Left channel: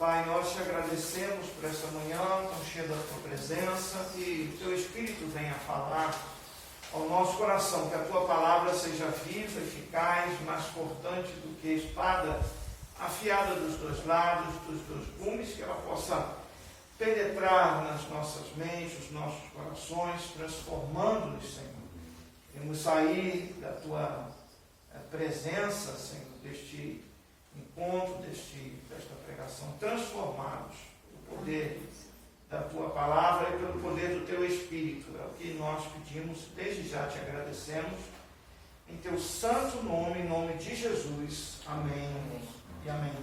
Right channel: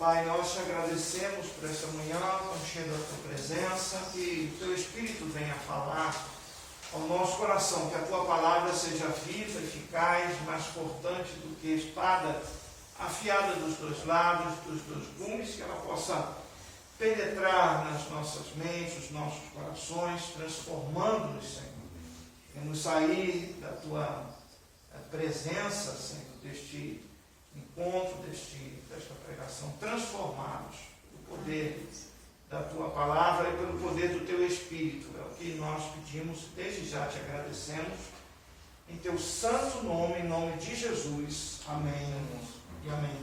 Pai, nós te agradecemos por essa manhã, tão cheia da tua presença, que o teu Espírito venha falar ao nosso coração, que a tua palavra seja viva, eficaz, mais cortante do que a espada afiada dos dois lados, dos dois gumes, que ela possa penetrar nas nossas mentes, nos nossos corações, transformando-nos, Senhor. Queremos sair da tua presença, Senhor, deste encontro, desta pregação, transformados pelo poder da tua palavra e pelo poder do teu Espírito. É o que nós pedimos, desde já te agradecemos, em teu santo nome, em nome de Jesus. Amém e amém.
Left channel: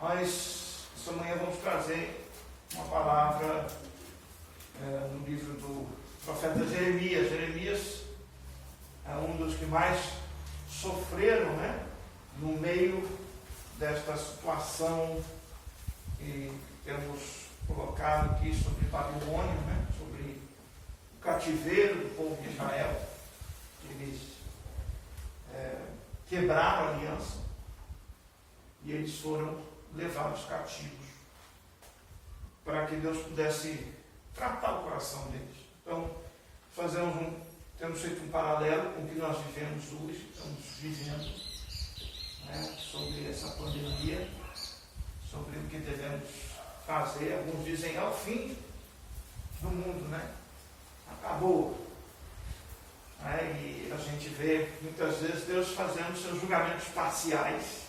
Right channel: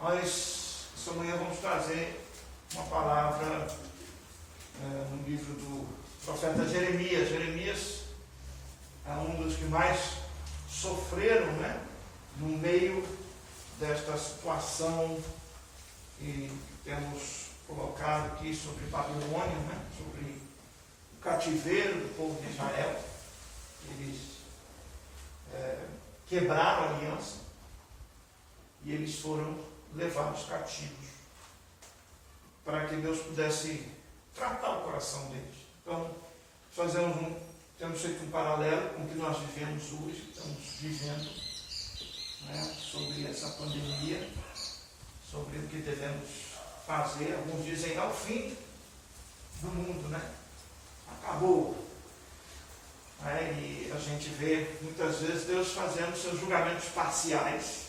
Nós, essa manhã, vamos trazer uma palavra no livro do profeta Jeremias. Jeremias é um dos que mais sofreram, no meio desta situação que temos colocado aqui sobre Babilônia, sobre o cativeiro do povo de Israel. Eles quebraram a aliança e eles foram levados cativos para que Deus pudesse tratar o coração deles. Então, temos feito um paralelo com o que nós vivemos hoje, estamos vivendo sobre essa pandemia, sobre o que devemos fazer. Alguns dizem, é o fim do mundo, acabou. E a gente vê muitas vezes Deus fazendo seus julgamentos parciais,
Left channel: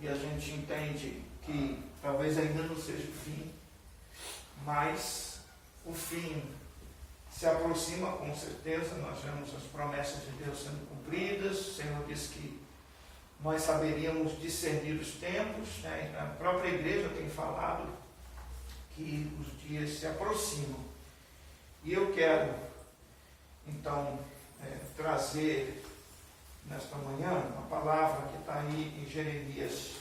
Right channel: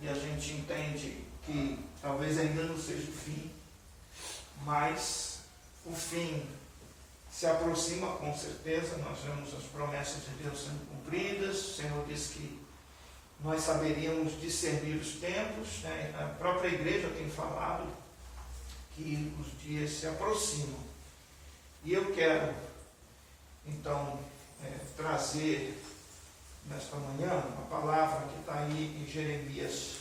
e a gente entende que talvez ainda não seja o fim, mas o fim se aproxima com certeza. Nós vemos as promessas de Deus sendo cumpridas. O Senhor disse que nós saberíamos discernir os tempos, A própria igreja tem falado que os dias se aproximam. E eu quero, então, trazer nesta manhã uma palavra que está aí em Jeremias,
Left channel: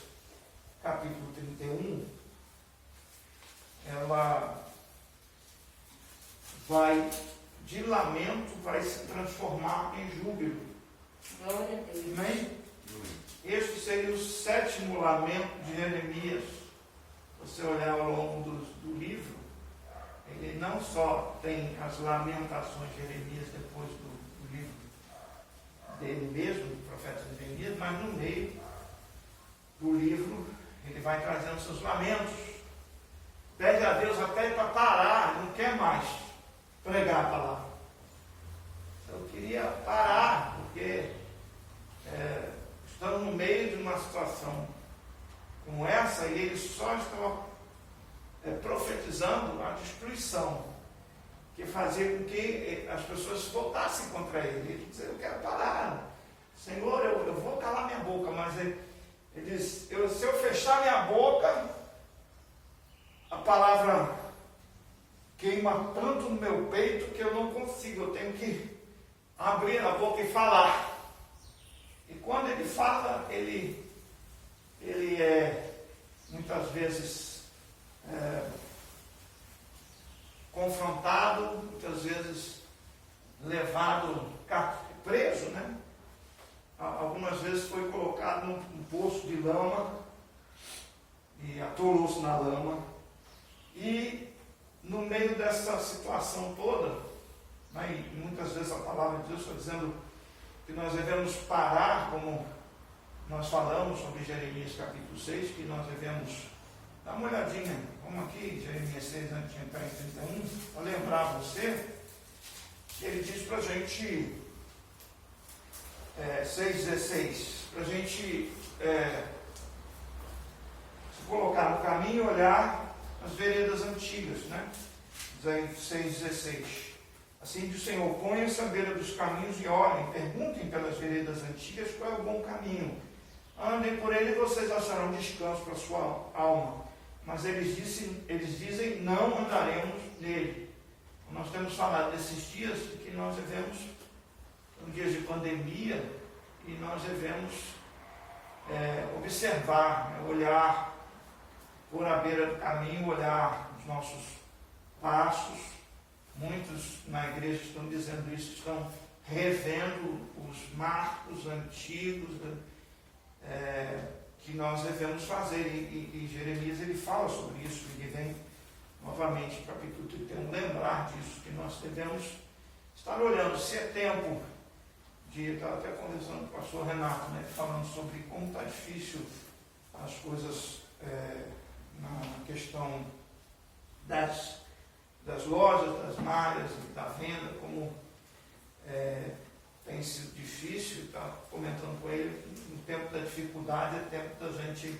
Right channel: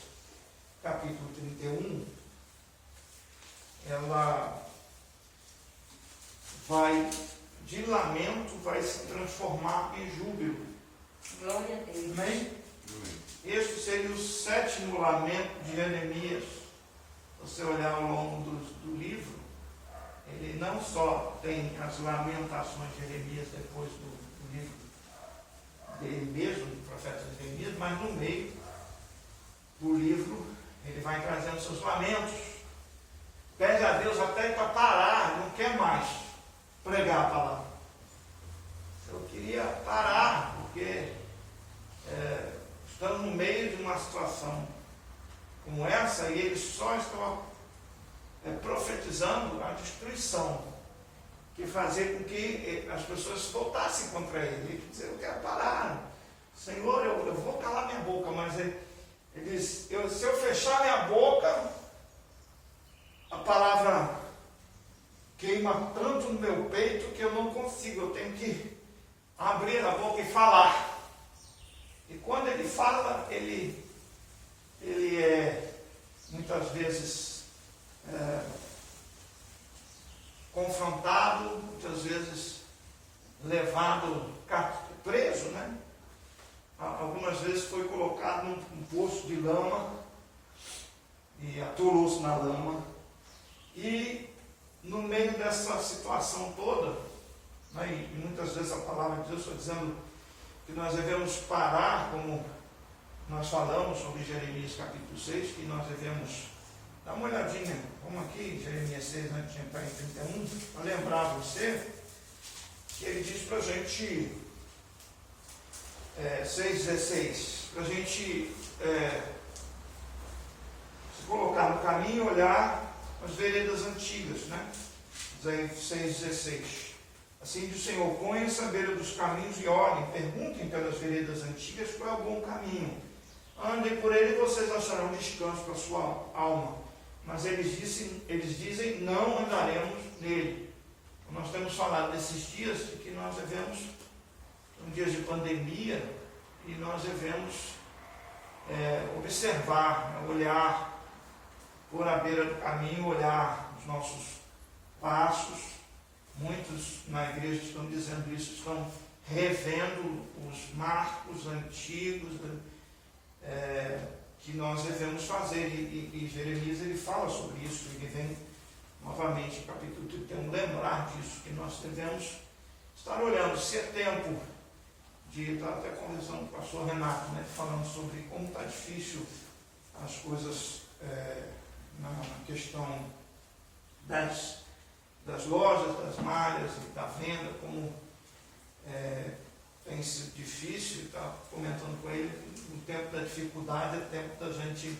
capítulo 31. Ela de lamento, vai se transformar em júbilo. Glória a Deus. Amém? Este seria o 7º lamento de Jeremias. Você olhar ao longo do livro, ele não só tem as lamentações de Jeremias depois do livro dele mesmo, do profeta Jeremias, mas no meio do livro ele vai trazendo seus lamentos. Pede a Deus até para parar, não quer mais pregar a palavra. Eu queria parar, porque estamos no meio de uma situação como essa e eles só estão profetizando a destruição, que fazia com que as pessoas voltassem contra ele. Ele dizia, eu quero parar, Senhor, eu vou calar minha boca, mas ele diz, se eu fechar minha boca, a palavra queima tanto no meu peito que eu não consigo, eu tenho que abrir a boca e falar. E quando ele fala, ele é muitas vezes confrontado, muitas vezes levado, preso, Algumas vezes foi colocado num poço de lama e atolou-se na lama. E no meio dessa situação toda, e muitas vezes a palavra de Deus está dizendo que nós devemos parar, como nós falamos sobre Jeremias capítulo 6, que nós devemos dar uma olhadinha, como aqui em Jeremias 6, antes de entrar em 31, para lembrar você que ele diz para a gente, 6,16, para a gente se colocar no caminho e olhar as veredas antigas, Diz aí 6,16. Assim diz o Senhor, ponham-se à beira dos caminhos e olhem, perguntem pelas veredas antigas qual é o bom caminho. Andem por ele e vocês acharão descanso para a sua alma. Mas eles dizem, não andaremos nele. Nós temos falado desses dias de que nós devemos, são dias de pandemia, e nós devemos observar, olhar por à beira do caminho, olhar os nossos passos. Muitos na igreja estão dizendo isso, estão revendo os marcos antigos que nós devemos fazer. E Jeremias ele fala sobre isso, ele vem novamente, capítulo 31, lembrar disso, que nós devemos estar olhando se é tempo de estar até conversando com o pastor Renato, né, falando sobre como está difícil as coisas na questão das lojas, das malhas e da venda, como tem sido difícil. Está comentando com ele, no tempo da dificuldade é tempo da gente,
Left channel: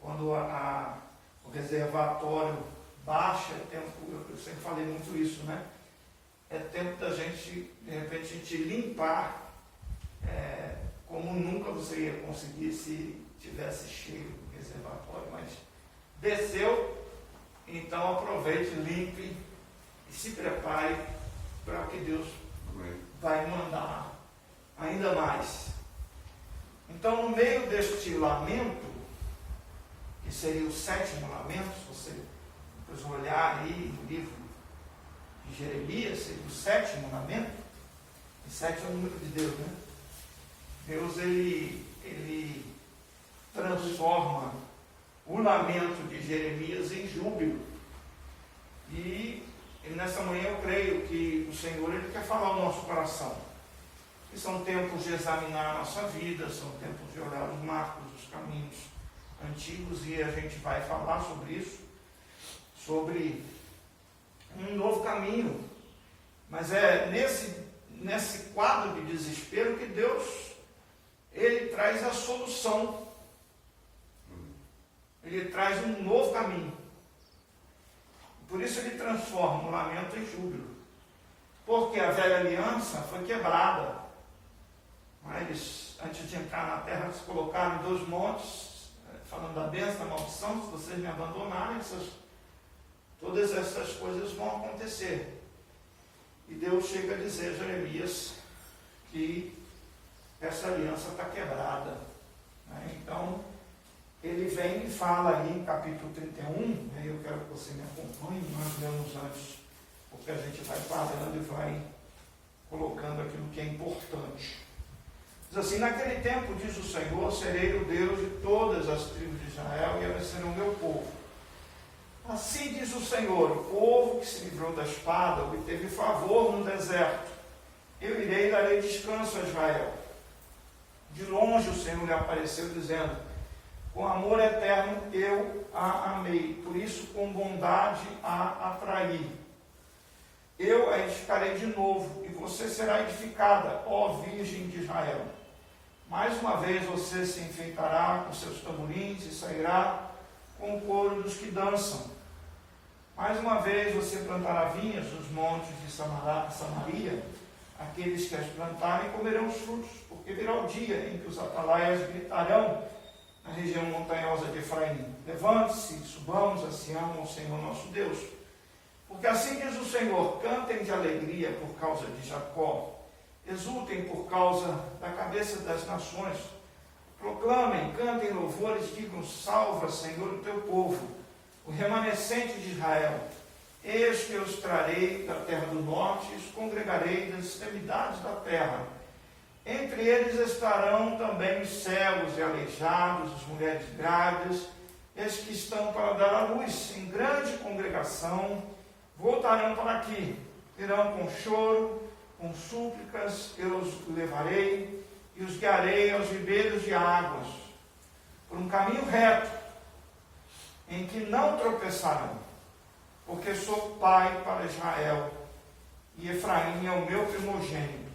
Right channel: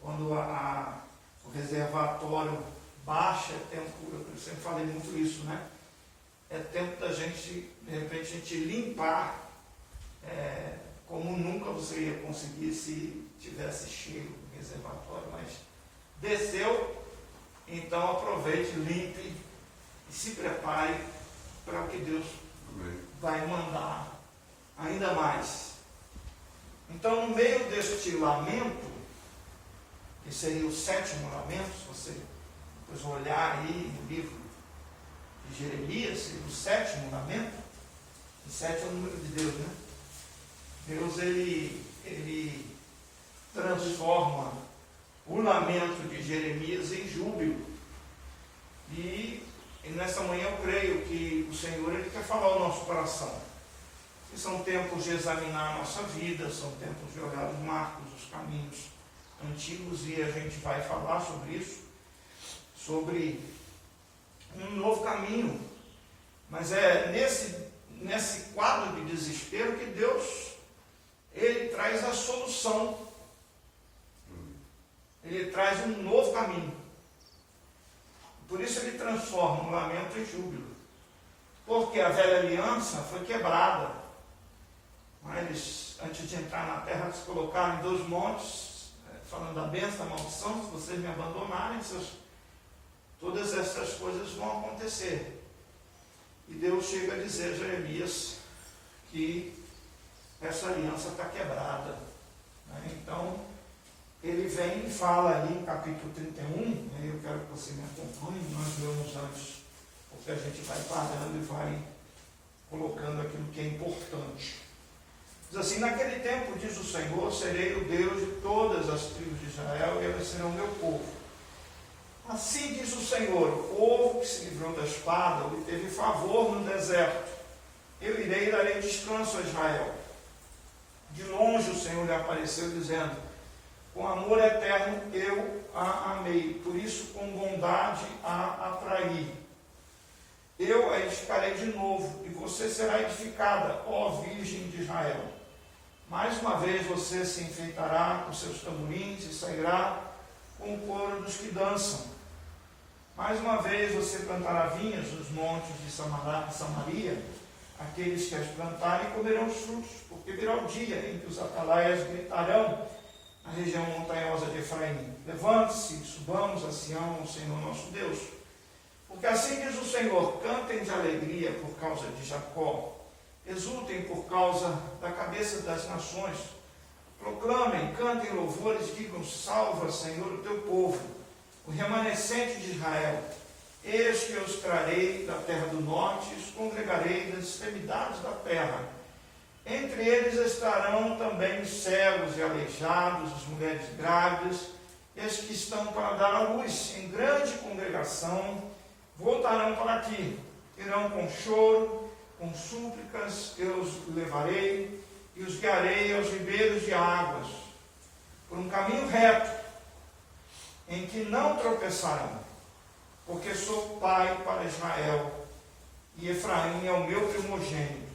quando o reservatório baixa, é tempo, eu sempre falei muito isso, né? É tempo da gente, de repente, a gente limpar como nunca você ia conseguir se tivesse cheio o reservatório, mas desceu, então aproveite, limpe e se prepare para o que Deus vai mandar ainda mais. Então, no meio deste lamento, que seria o 7º lamento, se você depois olhar aí no livro de Jeremias, seria o 7º lamento, e 7 é o número de Deus, né? Deus, ele transforma o lamento de Jeremias em júbilo. E nessa manhã eu creio que o Senhor ele quer falar ao nosso coração. E são tempos de examinar a nossa vida, são tempos de olhar os marcos, os caminhos antigos, e a gente vai falar sobre isso, sobre um novo caminho. Mas é nesse quadro de desespero que Deus ele traz a solução. Ele traz um novo caminho. Por isso ele transforma o lamento em júbilo. Porque a velha aliança foi quebrada. Eles, antes de entrar na terra, se colocaram em 2 montes, falando da bênção, da maldição. Se vocês me abandonarem, todas essas coisas vão acontecer. E Deus chega a dizer a Jeremias que essa aliança está quebrada. Então, ele vem e fala aí em capítulo 31, eu quero que você me acompanhe, nós lemos antes, porque a gente vai parando e vai colocando aquilo que é importante. Diz assim: naquele tempo, diz o Senhor, serei o Deus de todas as tribos de Israel, e elas serão meu povo. Assim diz o Senhor, o povo que se livrou da espada, obteve favor no deserto. Eu irei e darei descanso a Israel. De longe o Senhor lhe apareceu, dizendo: com amor eterno eu a amei, por isso com bondade a atraí. Eu a edificarei de novo, e você será edificada, ó Virgem de Israel. Mais uma vez você se enfeitará com seus tamborins e sairá com o coro dos que dançam. Mais uma vez você plantará vinhas nos montes de Samaria. Aqueles que as plantarem comerão os frutos, porque virá o dia em que os atalaias gritarão na região montanhosa de Efraim: levante-se, subamos a Sião, ao Senhor nosso Deus. Porque assim diz o Senhor: cantem de alegria por causa de Jacó, exultem por causa da cabeça das nações, proclamem, cantem louvores, digam: salva, Senhor, o teu povo, o remanescente de Israel. Eis que eu os trarei da terra do norte e os congregarei das extremidades da terra. Entre eles estarão também os cegos e aleijados, as mulheres grávidas, e as que estão para dar à luz. Em grande congregação voltarão para aqui. Irão com choro, com súplicas, eu os levarei e os guiarei aos ribeiros de águas, por um caminho reto, em que não tropeçarão. Porque sou pai para Israel, e Efraim é o meu primogênito.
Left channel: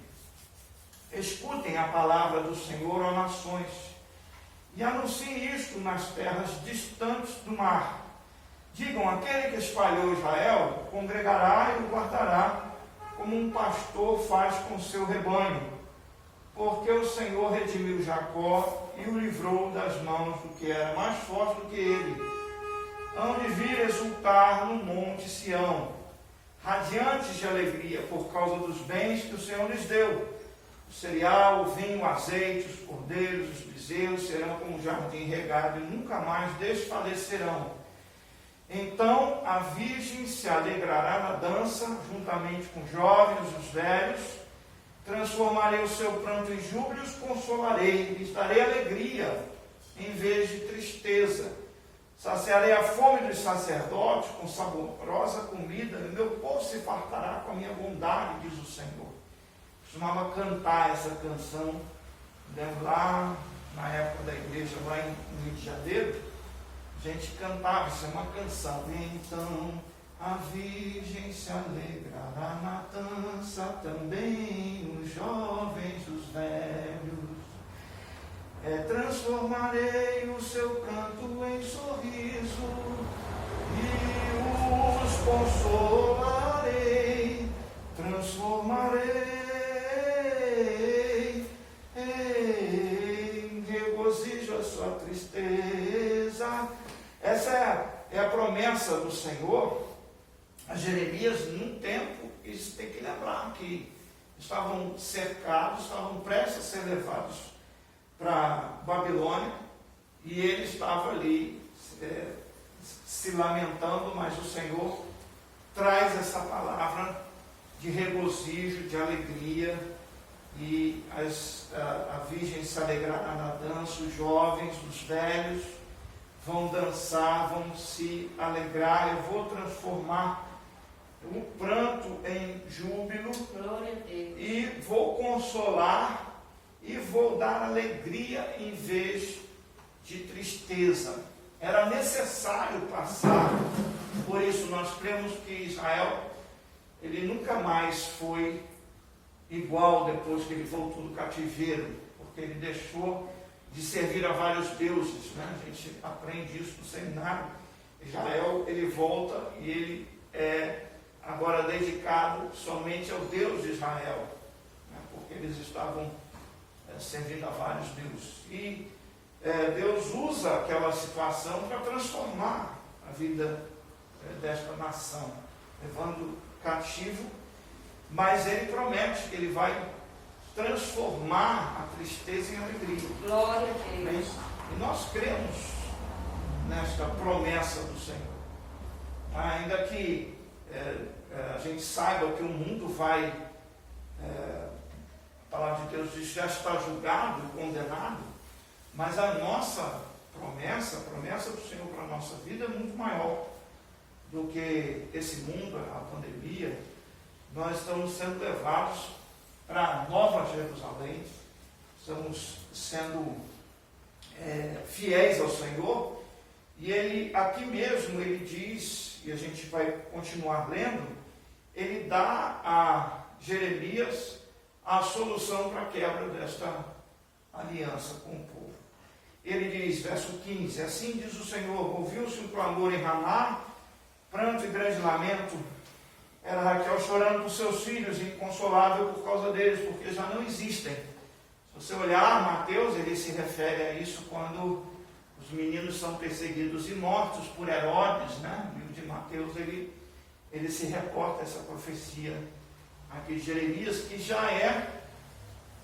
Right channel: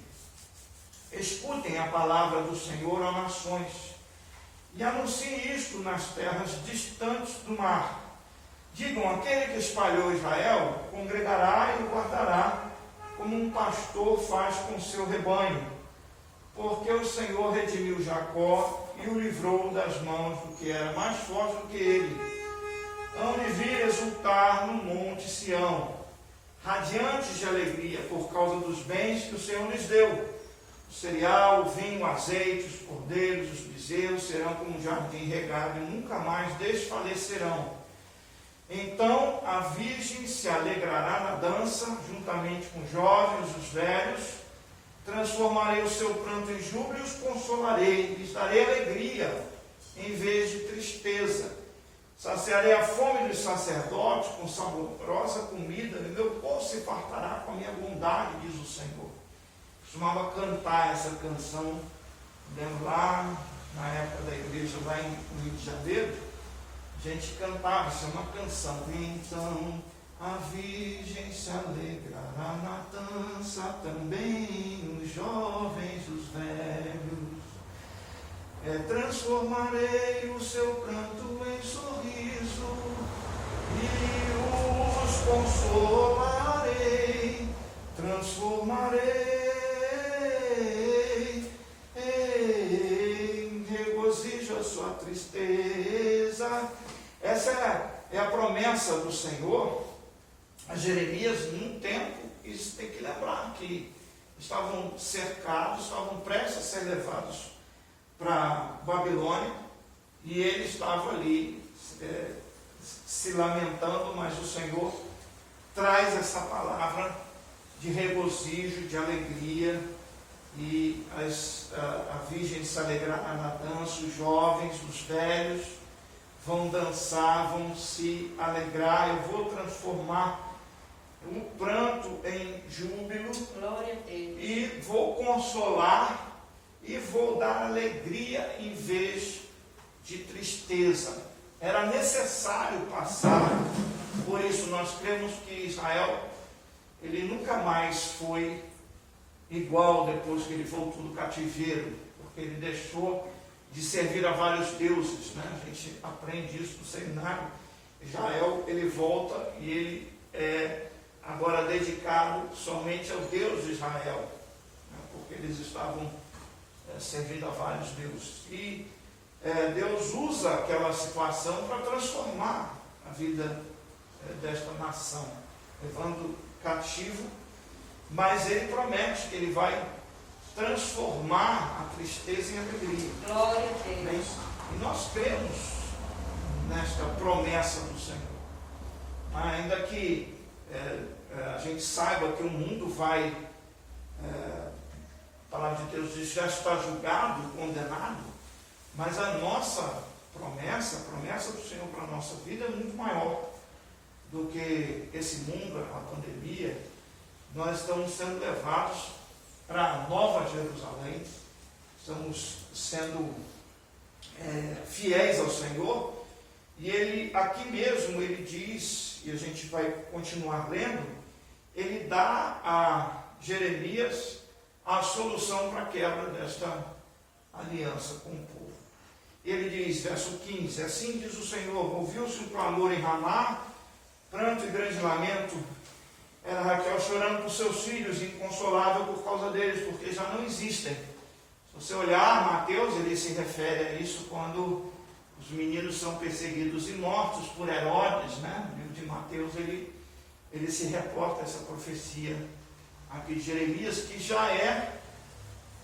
Escutem a palavra do Senhor, ó nações, e anunciem isto nas terras distantes do mar. Digam: aquele que espalhou Israel congregará e o guardará, como um pastor faz com o seu rebanho. Porque o Senhor redimiu Jacó e o livrou das mãos do que era mais forte do que ele. Hão de vir exultar no monte Sião, radiantes de alegria por causa dos bens que o Senhor lhes deu. O cereal, o vinho, o azeite, os cordeiros, os bezerros serão como um jardim regado e nunca mais desfalecerão. Então a virgem se alegrará na dança, juntamente com os jovens, os velhos. Transformarei o seu pranto em júbilo e os consolarei, lhes darei alegria. em vez de tristeza. Saciarei a fome dos sacerdotes com saborosa comida, e meu povo se fartará com a minha bondade, diz o Senhor. Costumava cantar essa canção, lembro lá na época da igreja, lá em Rio de Janeiro, a gente cantava, isso é uma canção. Então a Virgem se alegrará na dança, também os jovens, os velhos. Transformarei o seu canto em sorriso e os consolarei. Transformarei em regozijo a sua tristeza. Essa é a promessa do Senhor a Jeremias num tempo. Isso tem que lembrar que estavam cercados, estavam prestes a ser levados para Babilônia, e ele estava ali se lamentando, mas o Senhor traz essa palavra de regozijo, de alegria, e a Virgem se alegrará na dança, os jovens, os velhos vão dançar, vão se alegrar. Eu vou transformar o pranto em júbilo, Glória a Deus. e vou consolar e vou dar alegria em vez de tristeza. Era necessário passar por isso. Nós cremos que Israel, ele nunca mais foi igual depois que ele voltou do cativeiro, porque ele deixou de servir a vários deuses, né? A gente aprende isso no seminário. Israel, ele volta e ele é agora dedicado somente ao Deus de Israel, né? Porque eles estavam servindo a vários deuses. E Deus usa aquela situação para transformar a vida desta nação, levando cativo, mas ele promete que ele vai transformar a tristeza em alegria. Glória a Deus. E nós cremos nesta promessa do Senhor. Ainda que a gente saiba que o mundo vai, a palavra de Deus diz, já está julgado, condenado, mas a nossa promessa, a promessa do Senhor para a nossa vida é muito maior do que esse mundo, a pandemia. Nós estamos sendo levados para a Nova Jerusalém, estamos sendo fiéis ao Senhor, e ele, aqui mesmo, ele diz, e a gente vai continuar lendo, ele dá a Jeremias a solução para a quebra desta aliança com o povo. Ele diz, verso 15, assim diz o Senhor, ouviu-se um clamor em Ramá, pranto e grande lamento. Era Raquel chorando por seus filhos, inconsolável por causa deles, porque já não existem. Se você olhar Mateus, ele se refere a isso quando os meninos são perseguidos e mortos por Herodes, né? No livro de Mateus, ele se reporta a essa profecia aqui de Jeremias, que já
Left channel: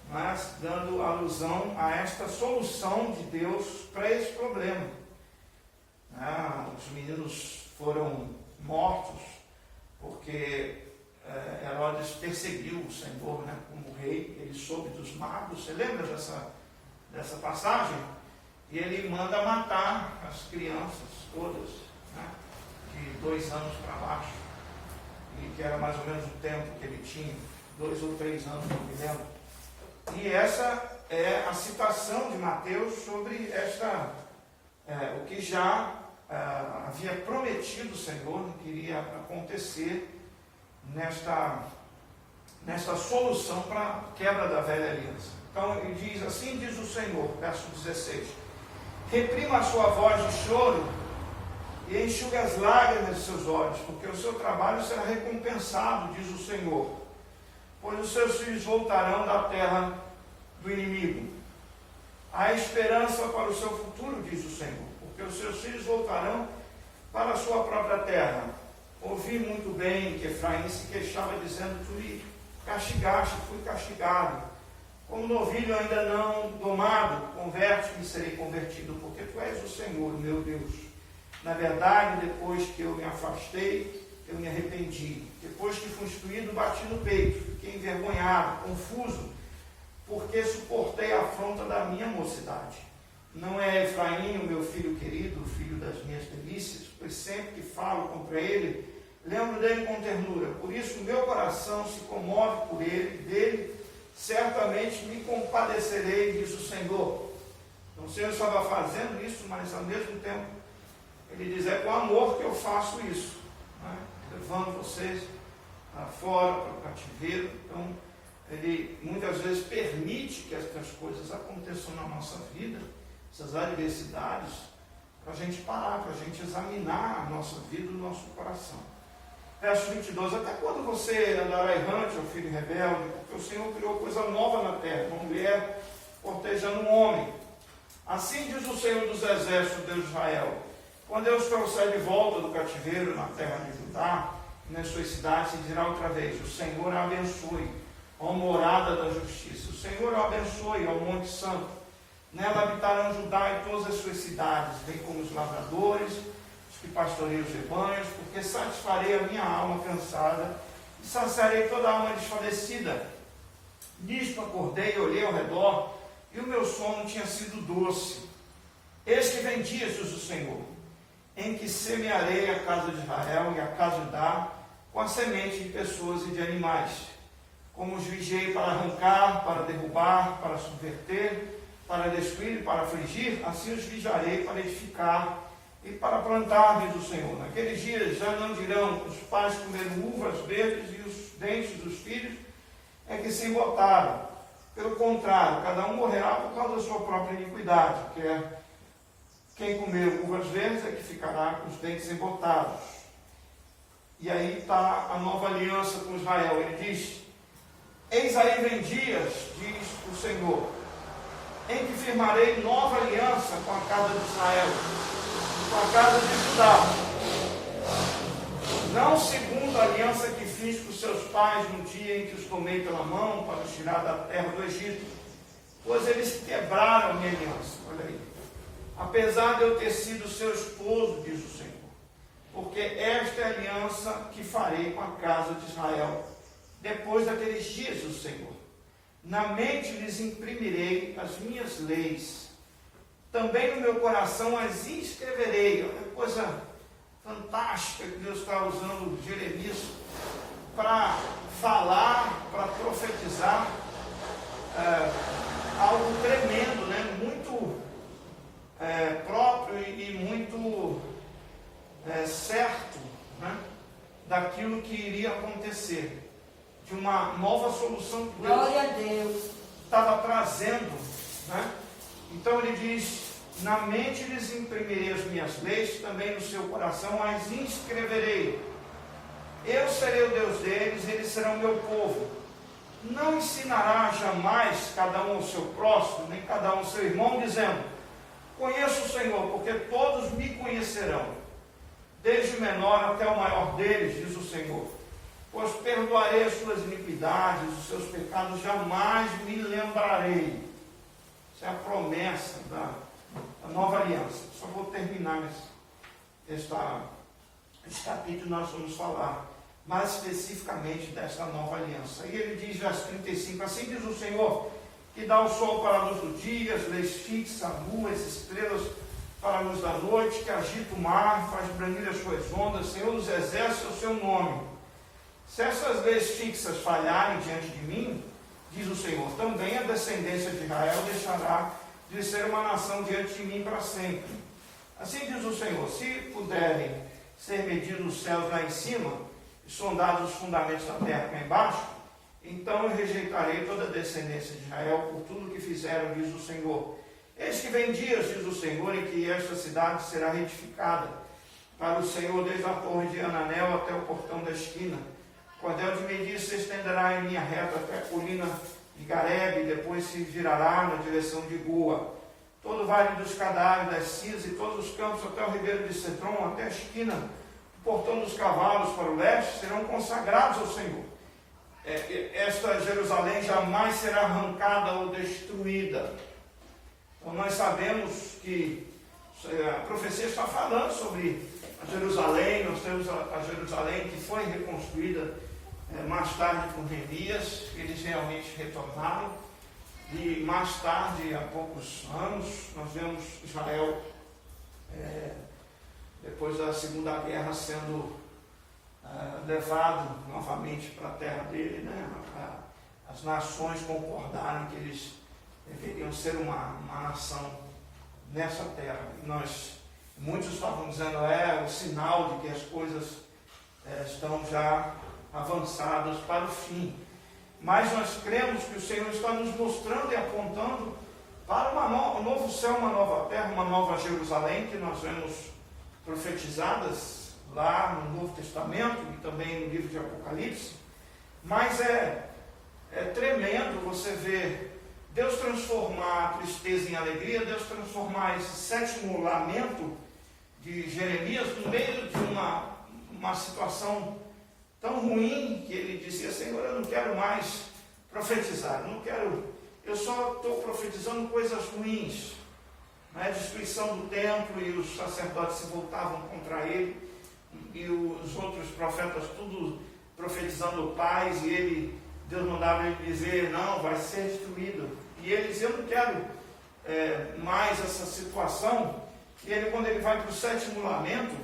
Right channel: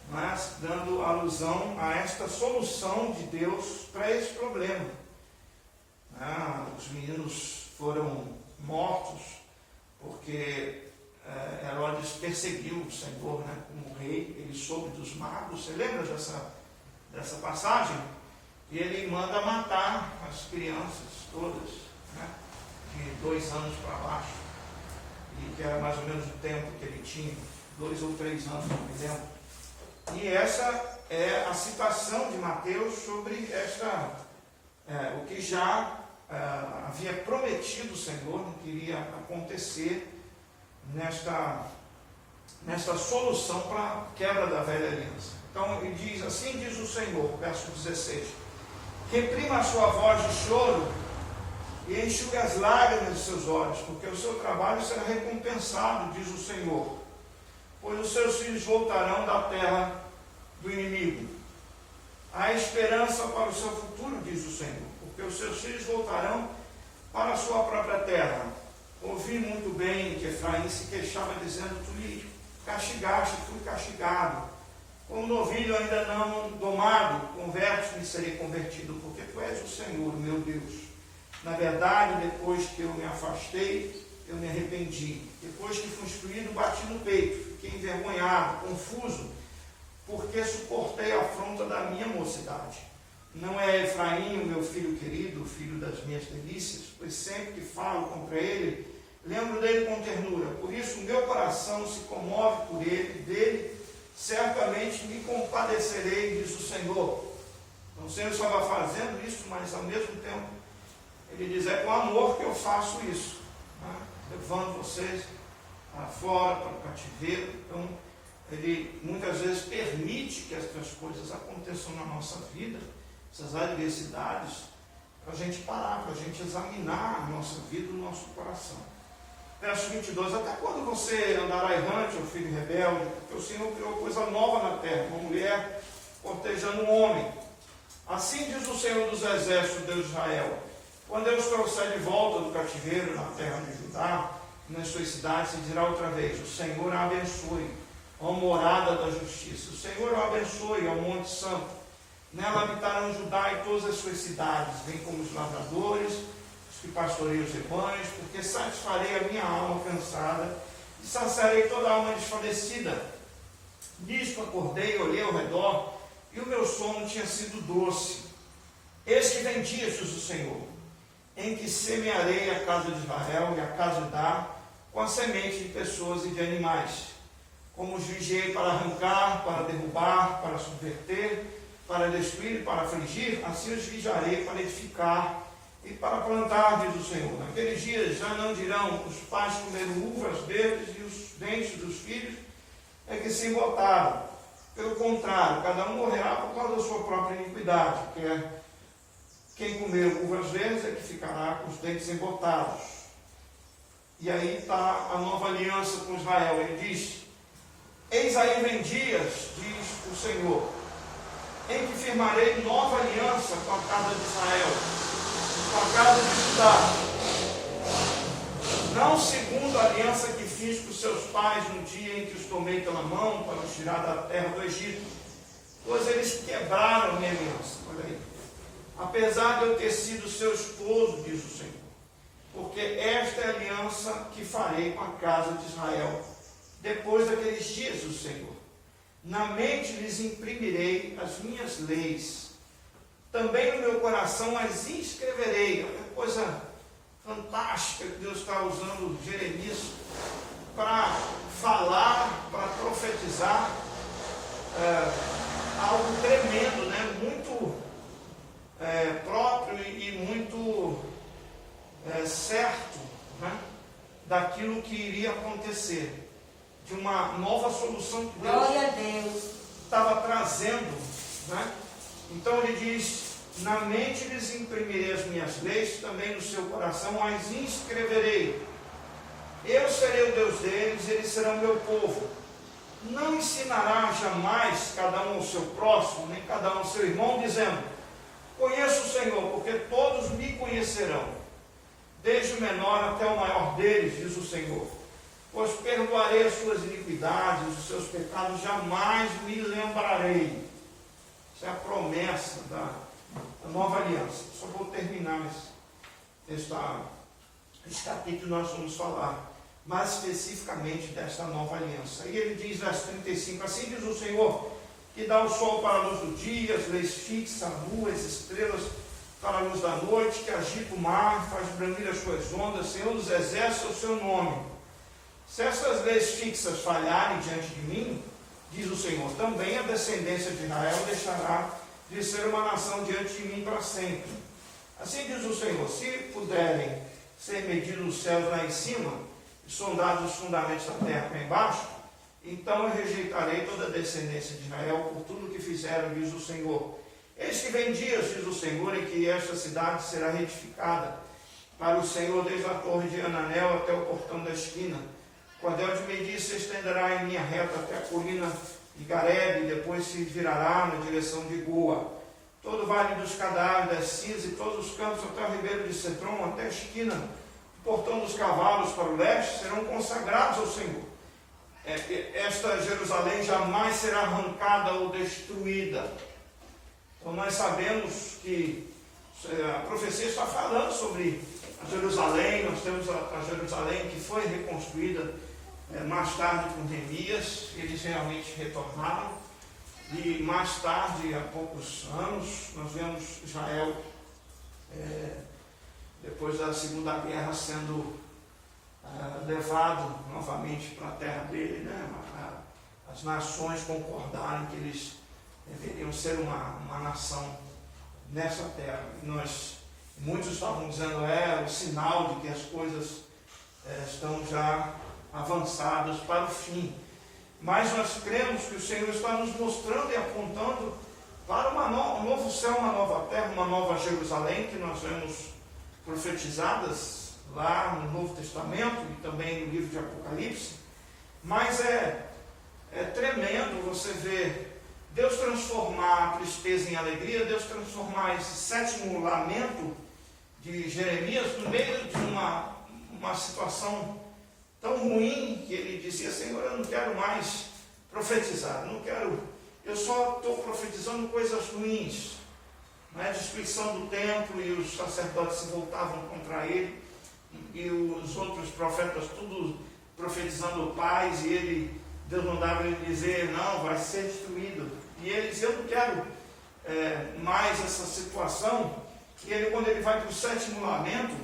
mas dando alusão a esta solução de Deus para esse problema. Os meninos foram mortos porque Herodes perseguiu o Senhor, né, como rei. Ele soube dos magos. Você lembra dessa passagem? E ele manda matar as crianças todas, né, de 2 anos para baixo, e que era mais ou menos o tempo que ele tinha, 2 ou 3 anos, não me lembro. E essa é a citação de Mateus sobre o que já havia prometido o Senhor, que iria acontecer nesta solução para a quebra da velha aliança. Então ele diz, assim diz o Senhor, verso 16, reprima a sua voz de choro e enxugue as lágrimas de seus olhos, porque o seu trabalho será recompensado, diz o Senhor, pois os seus filhos voltarão da terra do inimigo. Há esperança para o seu futuro, diz o Senhor, porque os seus filhos voltarão para a sua própria terra. Ouvi muito bem que Efraim se queixava, dizendo, tu me castigaste, fui castigado. Como novilho ainda não domado, converte-me e serei convertido, porque tu és o Senhor, meu Deus. Na verdade, depois que eu me afastei, eu me arrependi. Depois que fui instruído, bati no peito, fiquei envergonhado, confuso, porque suportei a afronta da minha mocidade. Não é Efraim, o meu filho querido, o filho das minhas delícias, pois sempre que falo contra ele, lembro dele com ternura. Por isso o meu coração se comove por ele, dele certamente me compadecerei, diz o Senhor. Então o Senhor estava fazendo isso, mas ao mesmo tempo ele diz, é com amor que eu faço isso, né? Levando vocês fora para o cativeiro. Então ele muitas vezes permite que estas coisas aconteçam na nossa vida, essas adversidades, para a gente parar, para a gente examinar a nossa vida, o nosso coração. Verso 22, até quando você andará errante, ó filho rebelde, porque o Senhor criou coisa nova na terra, uma mulher cortejando um homem. Assim diz o Senhor dos Exércitos, Deus de Israel, quando eu os trouxer de volta do cativeiro na terra de Judá, nas suas cidades, se dirá outra vez, o Senhor a abençoe, ó morada da justiça, o Senhor a abençoe, ó monte santo, nela habitarão Judá e todas as suas cidades, bem como os lavradores, os que pastoreiam os rebanhos, porque satisfarei a minha alma cansada e saciarei toda a alma desfalecida. Nisto acordei e olhei ao redor, e o meu sono tinha sido doce. Eis que vem dias, diz o Senhor, em que semearei a casa de Israel e a casa de Judá com a semente de pessoas e de animais. Como os vigiei para arrancar, para derrubar, para subverter, para destruir e para afligir, assim os vigiarei para edificar e para plantar, diz o Senhor. Naqueles dias já não dirão, os pais comeram uvas verdes e os dentes dos filhos é que se embotaram. Pelo contrário, cada um morrerá por causa da sua própria iniquidade, que é quem comer uvas verdes é que ficará com os dentes embotados. E aí está a nova aliança com Israel. Ele diz, eis aí vem dias, diz o Senhor, em que firmarei nova aliança com a casa de Israel, com a casa de Judá, não segundo a aliança que fiz com seus pais no dia em que os tomei pela mão para os tirar da terra do Egito, pois eles quebraram minha aliança. Olha aí. Apesar de eu ter sido seu esposo, diz o Senhor, porque esta é a aliança que farei com a casa de Israel, depois daqueles dias, diz o Senhor. Na mente lhes imprimirei as minhas leis, também no meu coração as inscreverei. Olha que coisa fantástica que Deus está usando Jeremias para falar, para profetizar algo tremendo, né? Muito próprio e muito certo, né? Daquilo que iria acontecer, de uma nova solução que Glória a Deus estava trazendo, né? Então ele diz, na mente lhes imprimirei as minhas leis, também no seu coração as inscreverei. Eu serei o Deus deles, eles serão meu povo. Não ensinará jamais cada um ao seu próximo, nem cada um ao seu irmão, dizendo, conheço o Senhor, porque todos me conhecerão, desde o menor até o maior deles, diz o Senhor. Pois perdoarei as suas iniquidades, os seus pecados jamais me lembrarei. Essa é a promessa da nova aliança. Só vou terminar esse capítulo, nós vamos falar mais especificamente desta nova aliança. E ele diz, verso 35, assim diz o Senhor, que dá o sol para a luz do dia, as leis fixa a lua, as estrelas para a luz da noite, que agita o mar, faz brandir as suas ondas, Senhor dos exércitos é o seu nome. Se essas leis fixas falharem diante de mim, diz o Senhor, também a descendência de Israel deixará de ser uma nação diante de mim para sempre. Assim diz o Senhor, se puderem ser medidos os céus lá em cima, e sondados os fundamentos da terra cá embaixo, então eu rejeitarei toda a descendência de Israel por tudo o que fizeram, diz o Senhor. Eis que vem dias, diz o Senhor, em que esta cidade será reedificada para o Senhor, desde a torre de Ananel até o portão da esquina. O cordel de medir se estenderá em linha reta até a colina de Garebe, e depois se virará na direção de Goa. Todo o vale dos cadáveres, das Cis e todos os campos até o ribeiro de Cedron, até a esquina do portão dos cavalos para o leste, serão consagrados ao Senhor. Esta Jerusalém jamais será arrancada ou destruída. Então nós sabemos que a profecia está falando sobre a Jerusalém. Nós temos a Jerusalém que foi reconstruída mais tarde por Neemias. Eles realmente retornaram, E mais tarde, há poucos anos, nós vemos Israel, depois da Segunda Guerra, sendo levado novamente para a terra dele, né? As nações concordarem que eles deveriam ser uma nação nessa terra. E muitos estavam dizendo, o sinal de que as coisas estão já avançadas para o fim. Mas nós cremos que o Senhor está nos mostrando e apontando para um novo céu, uma nova terra, uma nova Jerusalém, que nós vemos profetizadas lá no Novo Testamento e também no livro de Apocalipse. Mas é tremendo você ver Deus transformar a tristeza em alegria, Deus transformar esse sétimo lamento de Jeremias no meio de uma situação tão ruim que ele dizia, Senhor, eu não quero mais profetizar, eu só estou profetizando coisas ruins, destruição do templo, e os sacerdotes se voltavam contra ele, e os outros profetas tudo profetizando paz, e Deus mandava ele dizer, não, vai ser destruído, e ele dizia, eu não quero mais essa situação. E quando ele vai para o sétimo lamento,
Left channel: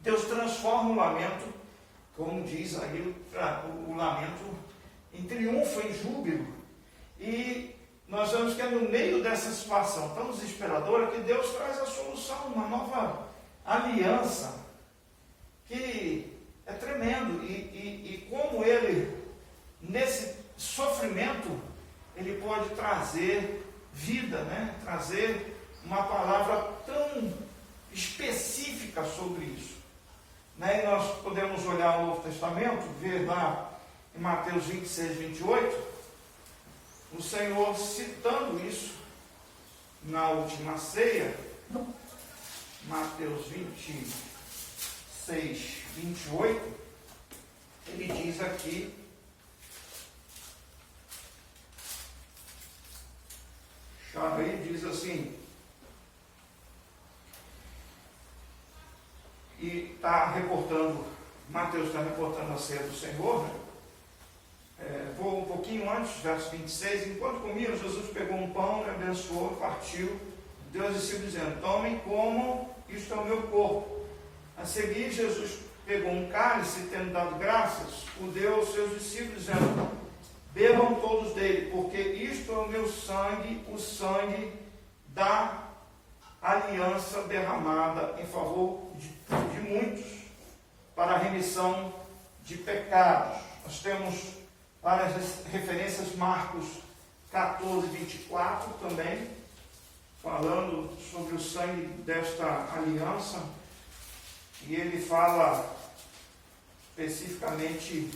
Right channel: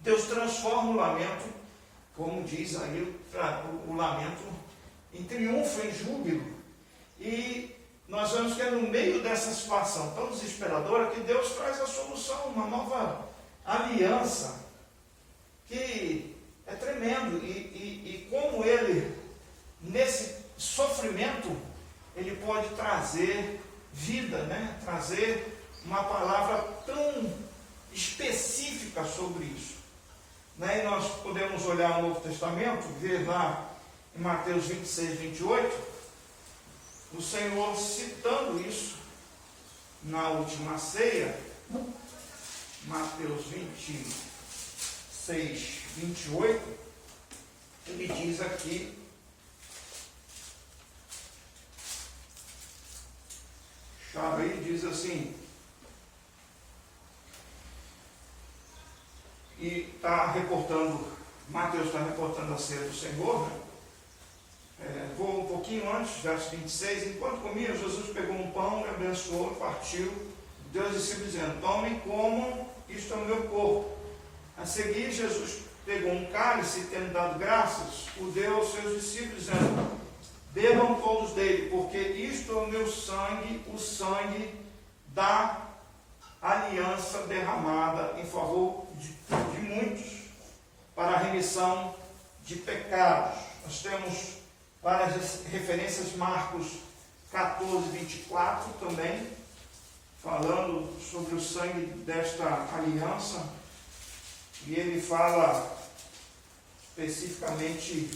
Deus transforma o lamento, como diz aí, o lamento em triunfo, em júbilo. E nós vemos que é no meio dessa situação tão desesperadora que Deus traz a solução, uma nova aliança, que é tremendo. E como ele, nesse sofrimento, ele pode trazer vida, trazer uma palavra tão específica sobre isso. E nós podemos olhar o Novo Testamento, ver lá em Mateus 26, 28, o Senhor citando isso na última ceia, Mateus 26, 28, ele diz aqui, diz assim, e Mateus está reportando a ceia do Senhor, vou um pouquinho antes, verso 26, enquanto comia, Jesus pegou um pão, abençoou, partiu, deu aos discípulos dizendo, tomem, comam, isto é o meu corpo. A seguir, Jesus pegou um cálice, tendo dado graças, o deu aos seus discípulos, dizendo, bebam todos dele, porque isto é o meu sangue, o sangue da aliança derramada em favor de muitos, para a remissão de pecados. Nós temos várias referências, Marcos 14, 24 também, falando sobre o sangue desta aliança, e ele fala especificamente,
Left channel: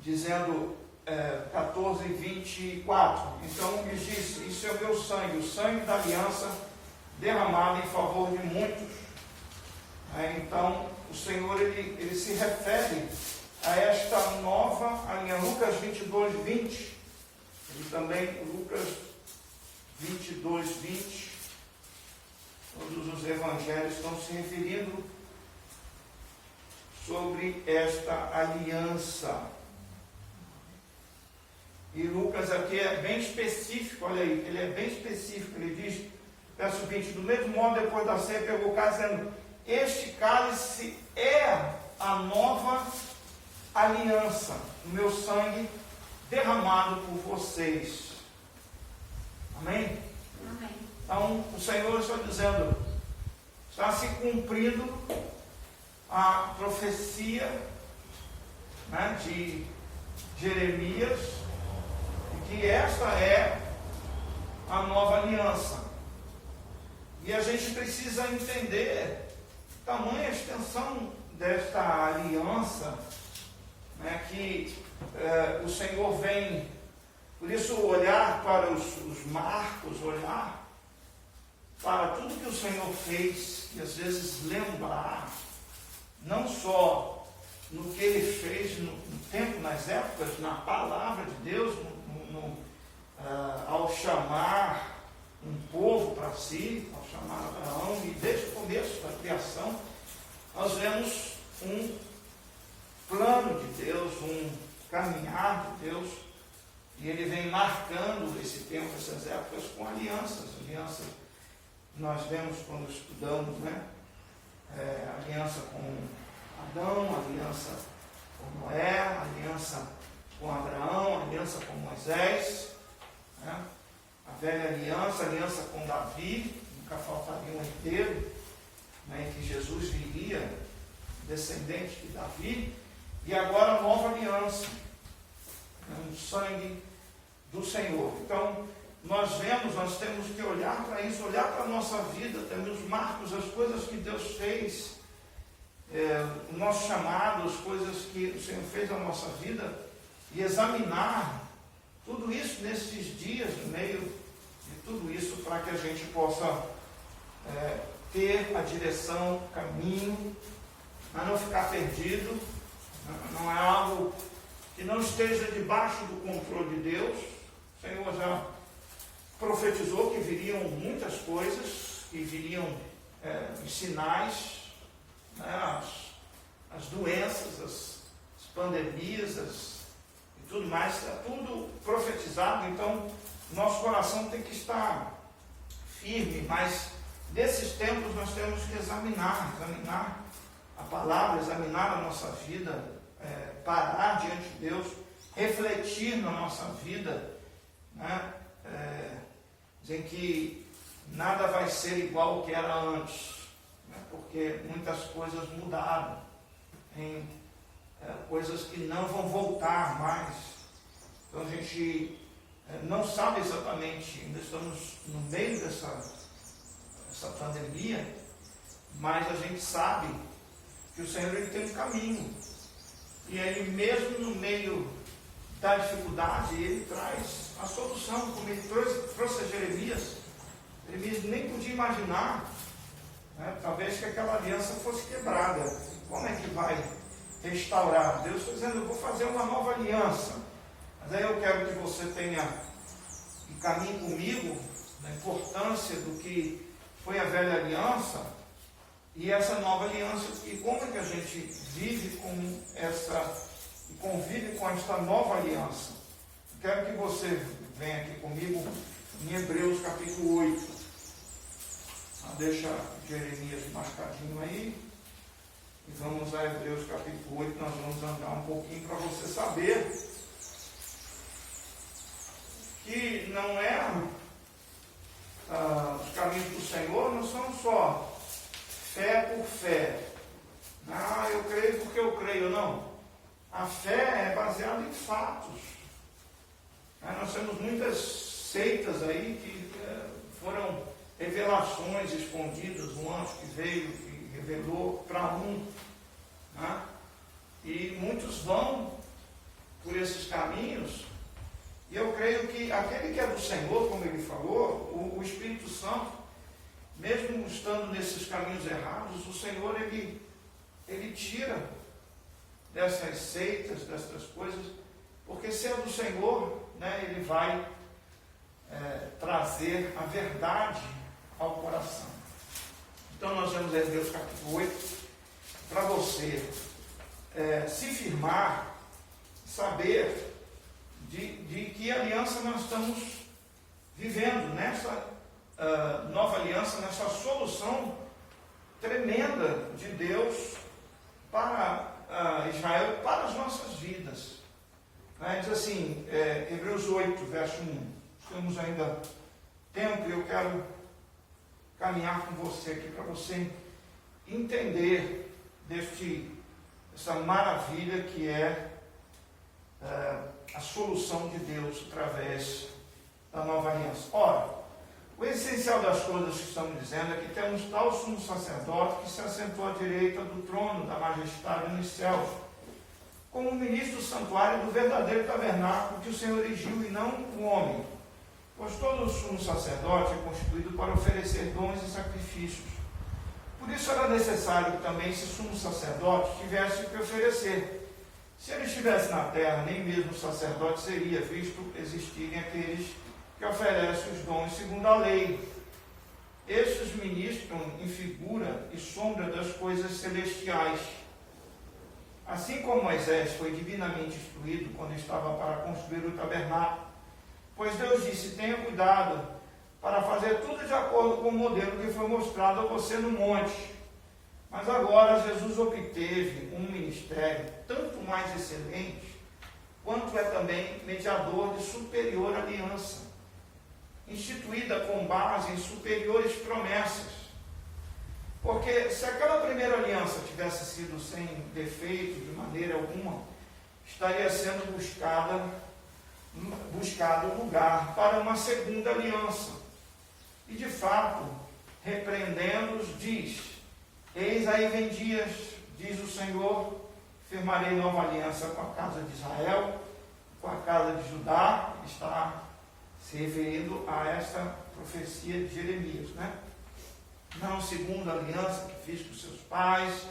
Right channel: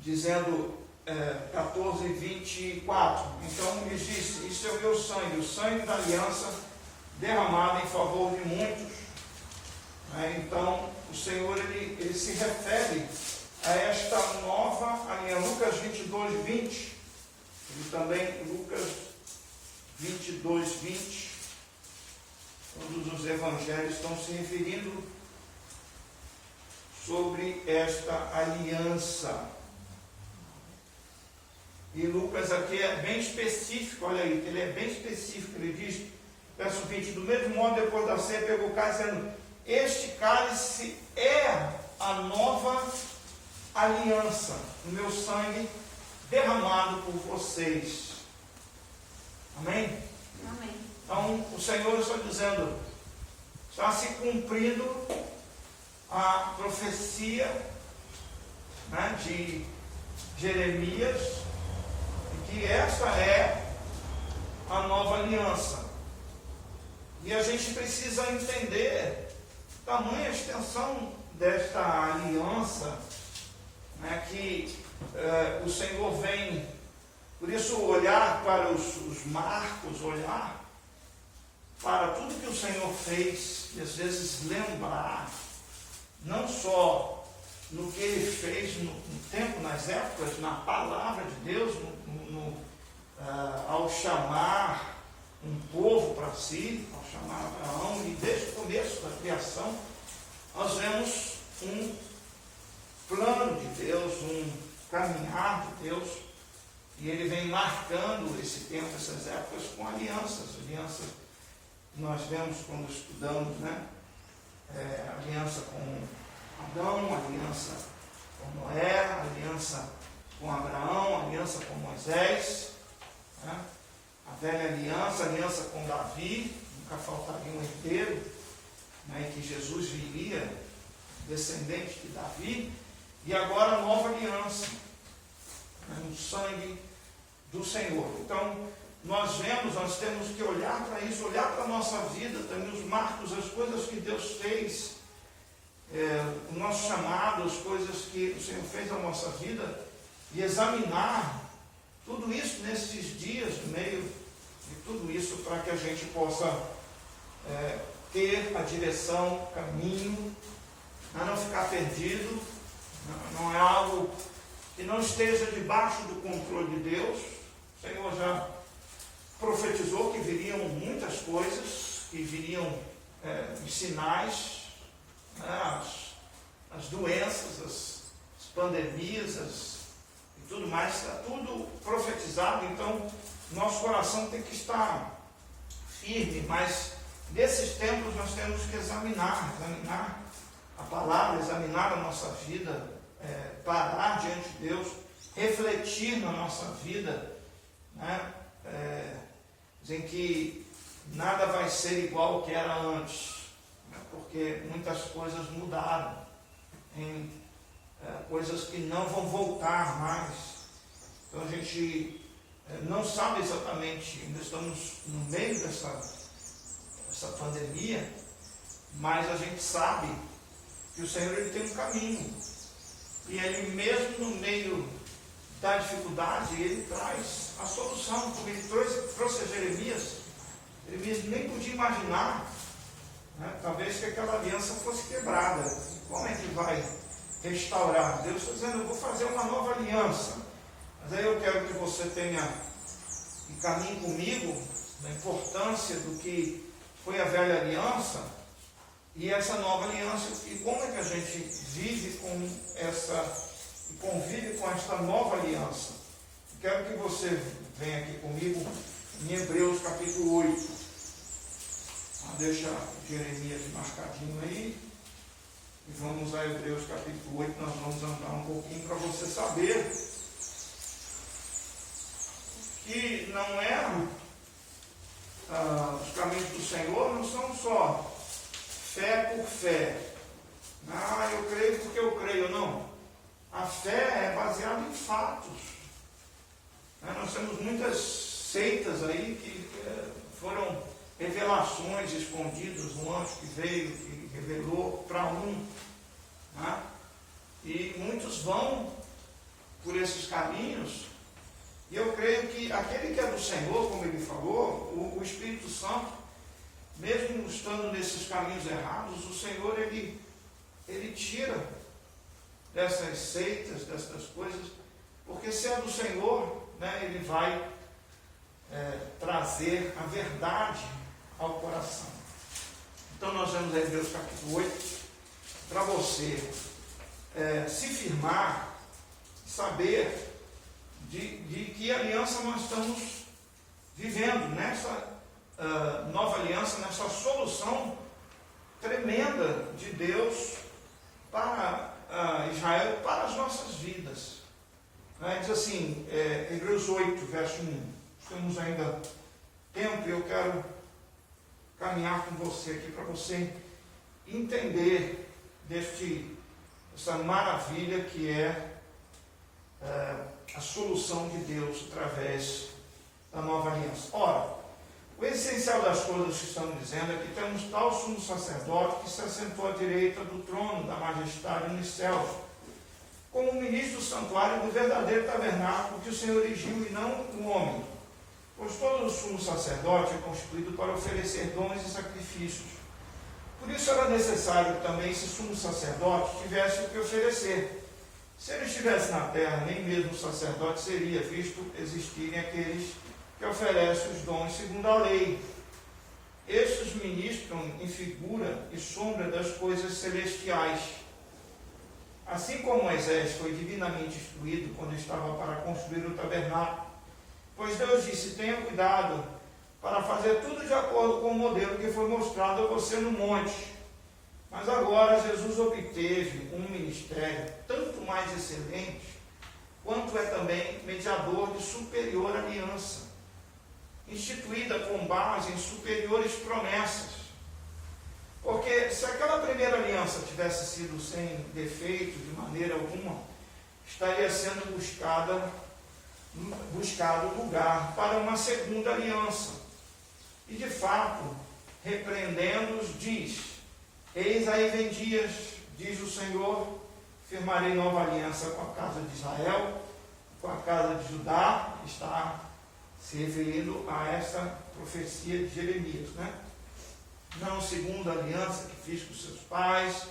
dizendo 14, 24, então ele disse, isso é o meu sangue, o sangue da aliança derramado em favor de muitos. Então o Senhor ele se refere a esta nova aliança. Lucas 22, 20, e também Lucas 22, 20, todos os evangelhos estão se referindo sobre esta aliança. E Lucas aqui é bem específico, olha aí, ele é bem específico, ele diz, verso 20, do mesmo modo, depois da ceia, pegou o cálice, dizendo, este cálice é a nova aliança, o meu sangue derramado por vocês. Amém? Amém. Então, o Senhor está dizendo, está se cumprindo a profecia de Jeremias, que esta é a nova aliança. E a gente precisa entender tamanha extensão desta aliança, que o Senhor vem, por isso olhar para os marcos, olhar para tudo que o Senhor fez, e às vezes lembrar, não só no que Ele fez no tempo, nas épocas, na palavra de Deus, ao chamar um povo para si, ao chamar Abraão, e desde o começo da criação, nós vemos um plano de Deus, um caminhar de Deus E ele vem marcando esse tempo, essas épocas, com alianças. Alianças nós vemos quando estudamos, né? Aliança com Adão, aliança com Noé, aliança com Abraão, aliança com Moisés, né? A velha aliança, aliança com Davi, nunca faltaria um herdeiro, né? Que Jesus viria, descendente de Davi, e agora a nova aliança, né? Um sangue do Senhor. Então, nós temos que olhar para isso, olhar para a nossa vida, também os marcos, as coisas que Deus fez, o nosso chamado, as coisas que o Senhor fez na nossa vida, e examinar tudo isso nesses dias, no meio de tudo isso, para que a gente possa ter a direção, o caminho, a não ficar perdido, não é algo que não esteja debaixo do controle de Deus. O Senhor já profetizou que viriam muitas coisas, que viriam os sinais, né, as doenças, as pandemias, e tudo mais, está tudo profetizado. Então, nosso coração tem que estar firme, mas nesses tempos nós temos que examinar a palavra, examinar a nossa vida, parar diante de Deus, refletir na nossa vida, né? Dizem que nada vai ser igual ao que era antes, né? Porque muitas coisas mudaram, coisas que não vão voltar mais. Então a gente não sabe exatamente, ainda estamos no meio dessa pandemia, mas a gente sabe que o Senhor ele tem um caminho, e Ele mesmo no meio da dificuldade, Ele traz a solução, como Ele trouxe a Jeremias. Jeremias nem podia imaginar, né, talvez que aquela aliança fosse quebrada. Como é que vai restaurar? Deus está dizendo, eu vou fazer uma nova aliança, mas aí eu quero que você tenha e caminhe comigo na importância do que foi a velha aliança e essa nova aliança, e como é que a gente vive com essa e convive com esta nova aliança. Quero que você venha aqui comigo em Hebreus capítulo 8. Deixa Jeremias marcadinho aí. E vamos a Hebreus capítulo 8. Nós vamos andar um pouquinho para você saber que não é os caminhos do Senhor não são só fé por fé. Eu creio porque eu creio. Não. A fé é baseada em fatos. Nós temos muitas seitas aí que foram revelações escondidas, um anjo que veio, que revelou para um. E muitos vão por esses caminhos. E eu creio que aquele que é do Senhor, como ele falou, o Espírito Santo, mesmo estando nesses caminhos errados, o Senhor, ele tira dessas seitas, dessas coisas, porque se é do Senhor, né, Ele vai trazer a verdade ao coração. Então nós vamos ler Hebreus capítulo 8, para você se firmar, saber de que aliança nós estamos vivendo, nessa nova aliança, nessa solução tremenda de Deus para Israel e para as nossas vidas. Diz assim, Hebreus 8, verso 1. Temos ainda tempo e eu quero caminhar com você aqui para você entender essa maravilha que é a solução de Deus através da nova aliança. Ora, o essencial das coisas que estamos dizendo é que temos tal sumo sacerdote que se assentou à direita do trono da majestade nos céus, como ministro do santuário do verdadeiro tabernáculo que o Senhor erigiu e não o homem. Pois todo sumo sacerdote é constituído para oferecer dons e sacrifícios. Por isso era necessário que também esse sumo sacerdote tivesse o que oferecer. Se ele estivesse na terra, nem mesmo o sacerdote seria, visto existirem aqueles que oferecem os dons segundo a lei. Estes ministram em figura e sombra das coisas celestiais. Assim como Moisés foi divinamente instruído quando estava para construir o tabernáculo, Pois Deus disse: tenha cuidado para fazer tudo de acordo com o modelo que foi mostrado a você no monte. Mas agora Jesus obteve um ministério tanto mais excelente, quanto é também mediador de superior aliança, instituída com base em superiores promessas. Porque se aquela primeira aliança tivesse sido sem defeito de maneira alguma, estaria sendo buscado lugar para uma segunda aliança. E de fato, repreendendo-os, diz: eis aí vem dias, diz o Senhor, firmarei nova aliança com a casa de Israel, com a casa de Judá. Está se referindo a essa profecia de Jeremias, né? Não segundo a aliança que fiz com seus pais,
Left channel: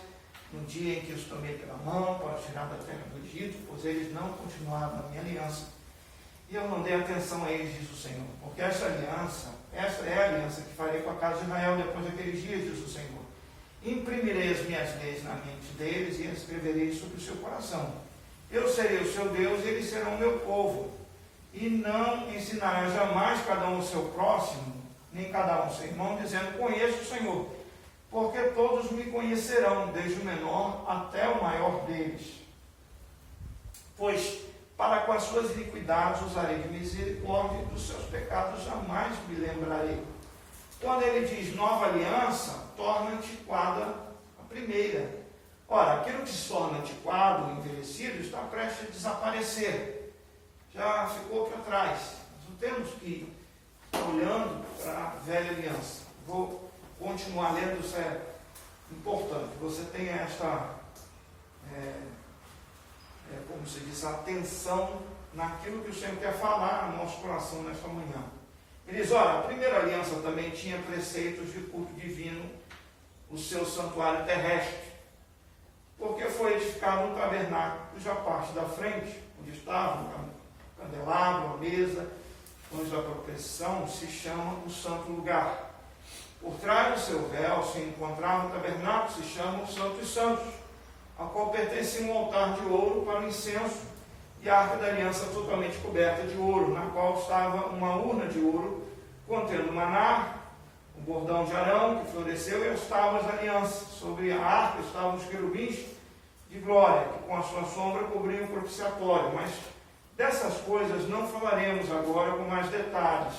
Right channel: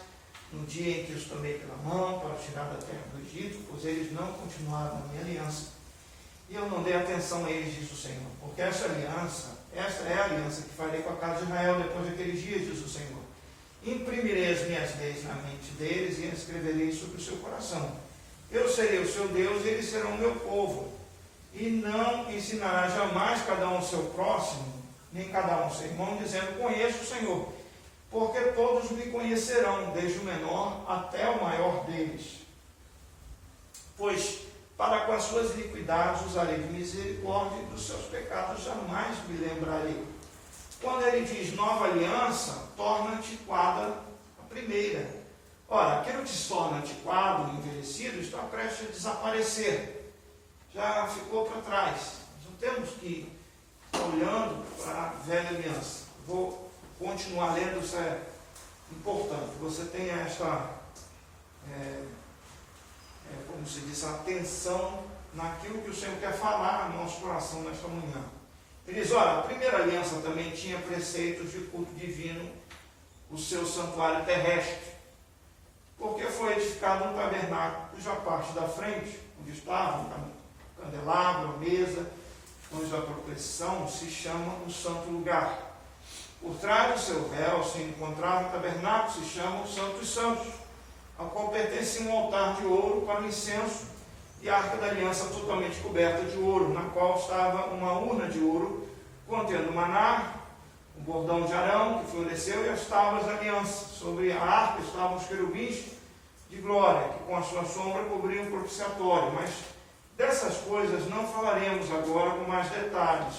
no dia em que os tomei pela mão para tirar da terra do Egito, pois eles não continuaram a minha aliança, e eu não dei atenção a eles, diz o Senhor. Porque esta é a aliança que farei com a casa de Israel depois daqueles dias, diz o Senhor. Imprimirei as minhas leis na mente deles e as escreverei sobre o seu coração. Eu serei o seu Deus e eles serão o meu povo. E não ensinará jamais cada um o seu próximo, nem cada um o seu irmão, dizendo: conheço o Senhor. Porque todos me conhecerão, desde o menor até o maior deles. Pois para com as suas iniquidades usarei de misericórdia, e dos seus pecados jamais me lembrarei. Quando ele diz nova aliança, torna antiquada a primeira. Ora, aquilo que se torna antiquado, envelhecido, está prestes a desaparecer. Já ficou para trás. Nós não temos que estar olhando para a velha aliança. Vou continuar lendo, isso é importante. Você tem esta, como se diz, atenção naquilo que o Senhor quer falar no nosso coração nesta manhã. Ele diz: olha, a primeira aliança também tinha preceitos de culto divino, o seu santuário terrestre, porque foi edificado um tabernáculo, cuja parte da frente, onde estava o candelabro, a mesa, onde a proteção, se chama o santo lugar. Por trás do seu véu se encontrava o tabernáculo, se chama o Santo dos Santos, ao qual pertencia um altar de ouro para o incenso e a arca da aliança totalmente coberta de ouro, na qual estava uma urna de ouro contendo maná, o bordão de Arão que floresceu e as tábuas da aliança. Sobre a arca estavam os querubins de glória, que com a sua sombra cobriam o propiciatório. Mas dessas coisas não falaremos agora com mais detalhes.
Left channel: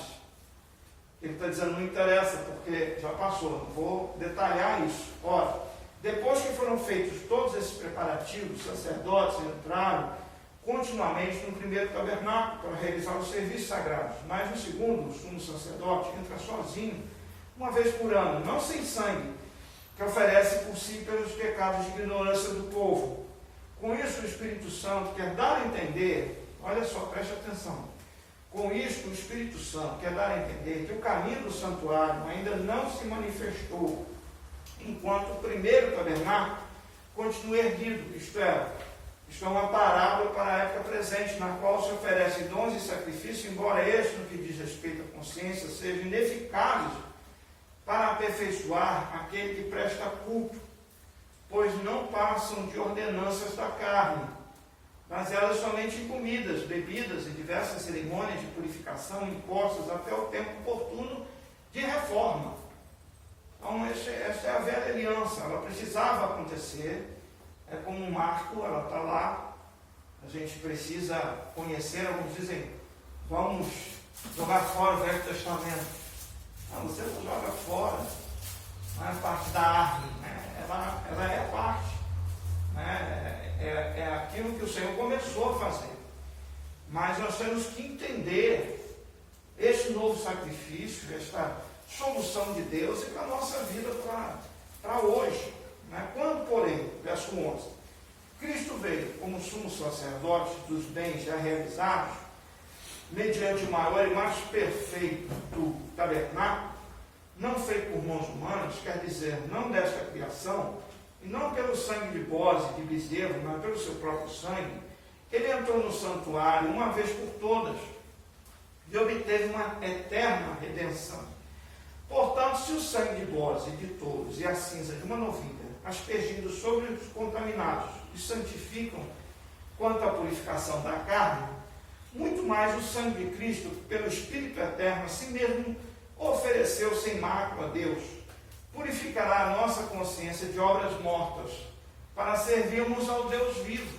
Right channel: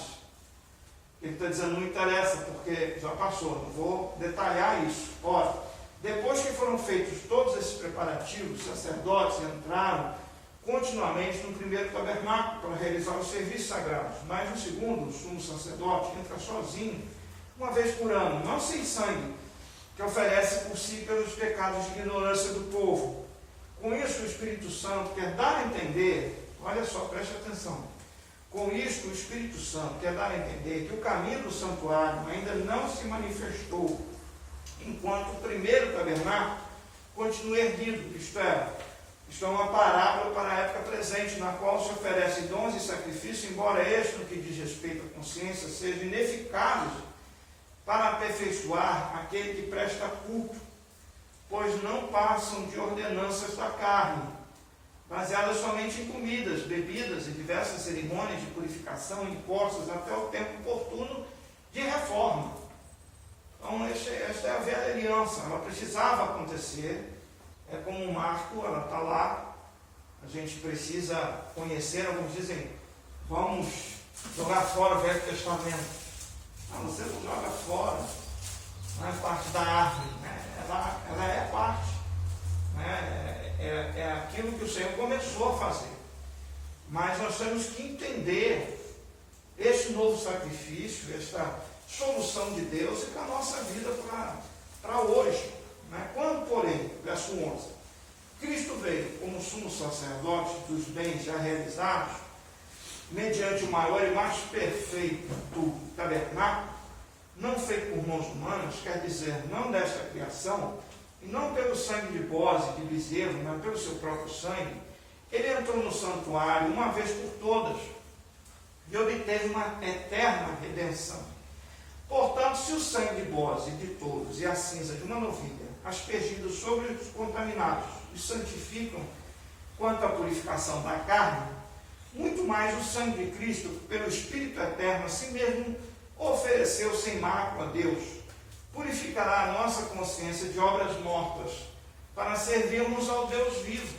Ele está dizendo: não interessa, porque já passou, não vou detalhar isso. Ora, depois que foram feitos todos esses preparativos, os sacerdotes entraram continuamente no primeiro tabernáculo para realizar os serviços sagrados. Mas no segundo, o sumo sacerdote entra sozinho, uma vez por ano, não sem sangue, que oferece por si pelos pecados de ignorância do povo. Com isso, o Espírito Santo quer dar a entender, olha só, preste atenção, com isso, o Espírito Santo quer dar a entender que o caminho do santuário ainda não se manifestou, enquanto o primeiro tabernáculo continua erguido, isto é uma parábola para a época presente, na qual se oferece dons e sacrifícios, embora este, no que diz respeito à consciência, sejam ineficazes para aperfeiçoar aquele que presta culto, pois não passam de ordenanças da carne, baseadas somente em comidas, bebidas e diversas cerimônias de purificação impostas até o tempo oportuno de reforma. Então, esta é a velha aliança, ela precisava acontecer, é como um marco, ela está lá, a gente precisa conhecer. Alguns dizem: vamos jogar fora o Velho Testamento. Não, você não joga fora, não é parte da árvore, né? ela é parte, né? É aquilo que o Senhor começou a fazer. Mas nós temos que entender esse novo sacrifício, esta solução de Deus e para a nossa vida para hoje. Quando, porém, verso 11, Cristo veio como sumo sacerdote dos bens já realizados, mediante o maior e mais perfeito tabernáculo, não feito por mãos humanas, quer dizer, não desta criação, e não pelo sangue de bodes e de bezerro, mas pelo seu próprio sangue, ele entrou no santuário uma vez por todas e obteve uma eterna redenção. Portanto, se o sangue de bodes e de touros e a cinza de uma novilha, aspergidos sobre os contaminados, os santificam quanto à purificação da carne, muito mais o sangue de Cristo, pelo Espírito Eterno, a si mesmo ofereceu sem mácula a Deus, purificará a nossa consciência de obras mortas, para servirmos ao Deus vivo.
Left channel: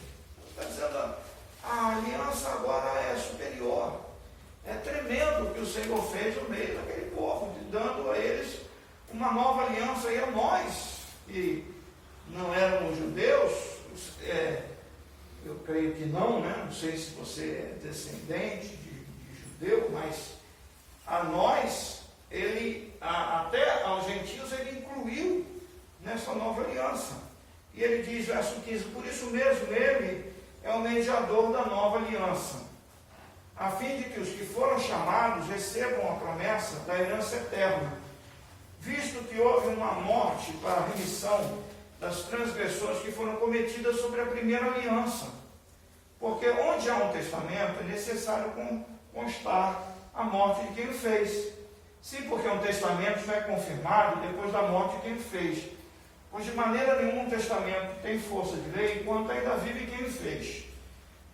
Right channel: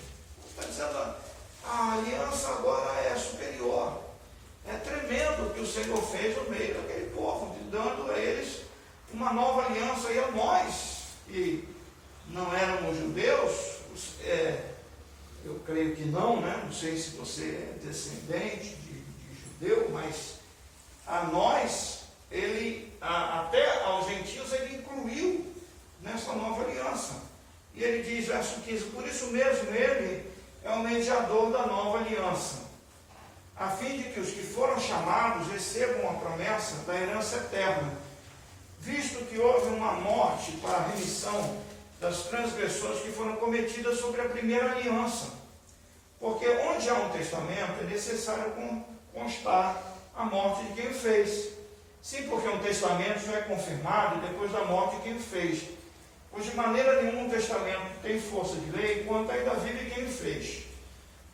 Está dizendo, a aliança agora é superior. É tremendo o que o Senhor fez no meio daquele povo, dando a eles uma nova aliança, e a nós, que não éramos judeus, eu creio que não, né? Não sei se você é descendente de judeu, mas a nós, até aos gentios, ele incluiu nessa nova aliança. E ele diz, verso 15, por isso mesmo ele é o mediador da nova aliança, a fim de que os que foram chamados recebam a promessa da herança eterna, visto que houve uma morte para a remissão das transgressões que foram cometidas sobre a primeira aliança. Porque onde há um testamento, é necessário constar a morte de quem o fez. Sim, porque um testamento já é confirmado depois da morte de quem o fez. Pois de maneira nenhuma um testamento tem força de lei enquanto ainda vive quem o fez.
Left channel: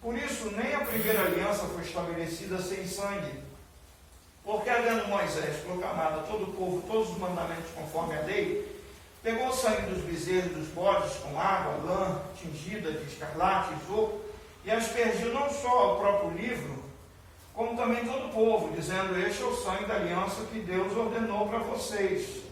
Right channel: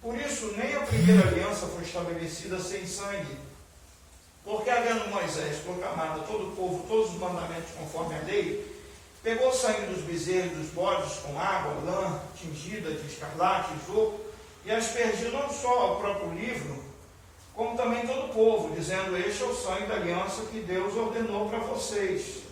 Por isso, nem a primeira aliança foi estabelecida sem sangue. Porque, havendo Moisés proclamado a todo o povo todos os mandamentos conforme a lei, pegou o sangue dos bezerros e dos bodes com água, lã, tingida de escarlate e isopo, e aspergiu não só ao próprio livro, como também todo o povo, dizendo, este é o sangue da aliança que Deus ordenou para vocês.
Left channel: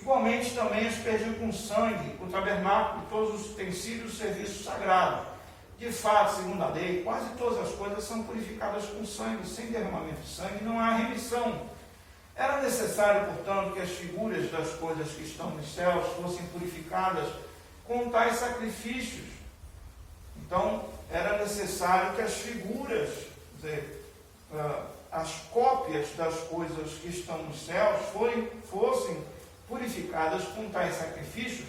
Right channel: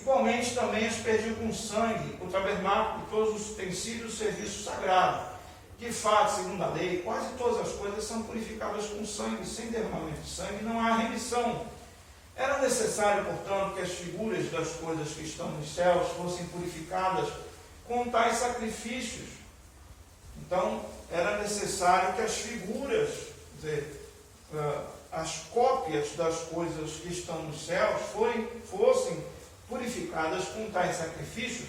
Igualmente também aspergiu com sangue o tabernáculo e todos os utensílios do serviço sagrado. De fato, segundo a lei, quase todas as coisas são purificadas com sangue, sem derramamento de sangue não há remissão. Era necessário, portanto, que as figuras das coisas que estão nos céus fossem purificadas com tais sacrifícios. Então, era necessário que as figuras, quer dizer, as cópias das coisas que estão nos céus fossem purificadas com tais sacrifícios,